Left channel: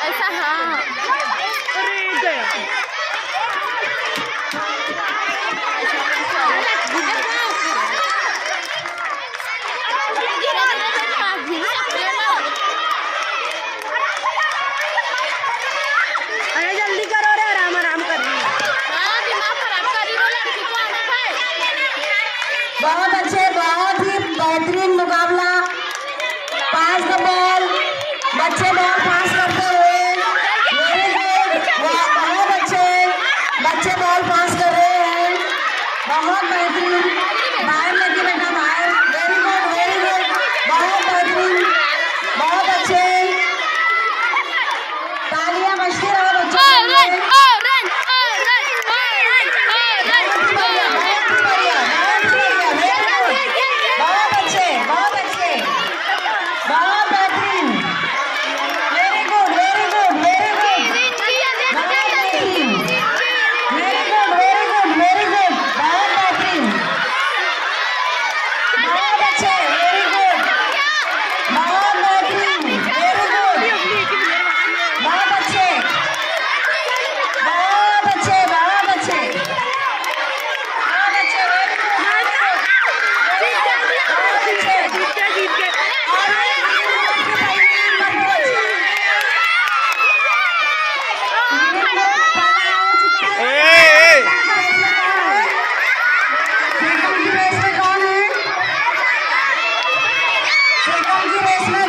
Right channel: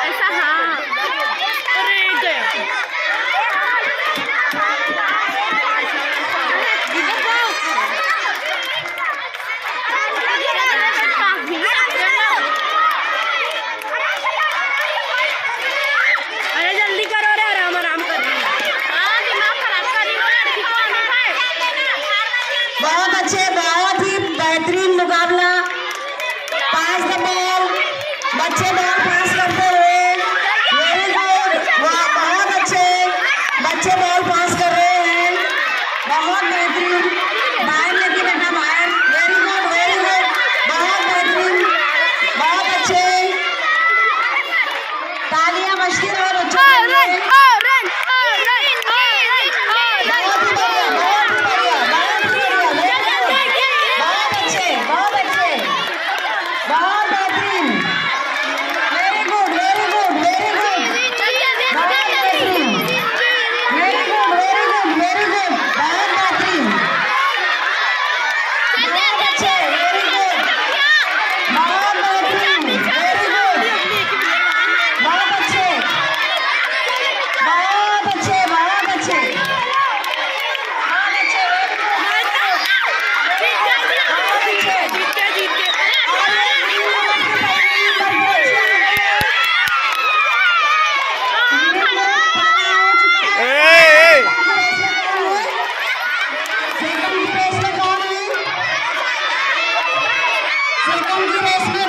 ऐसा हाँ अरे गया अरे जल्दी करो रे आराम आराम कर रही बहुत अच्छे, बहुत ही बेहतरीन मुकाबला। पास द बॉल, बच्चे बॉल पास करते हुए, वेरी गुड, बहुत अच्छे बच्चे बॉल पास कर रहे हैं, बहुत बेहतरीन। बाहर लेके बेटा बाहर, वेरी गुड, बहुत बेहतरीन, बहुत अच्छे। तालियां बजती रहे बच्चों के लिए। बहुत अच्छे, बहुत बेहतरीन, वेरी गुड, बहुत बेहतरीन, वेरी गुड, बहुत बेहतरीन, बहुत अच्छे, वेरी गुड, बहुत बेहतरीन, वेरी गुड, बहुत अच्छे, बहुत अच्छे, बहुत अच्छे, बहुत अच्छे, वेरी गुड, बहुत अच्छे। सेकंड की रेस में कौन है? सेकंड की रेस में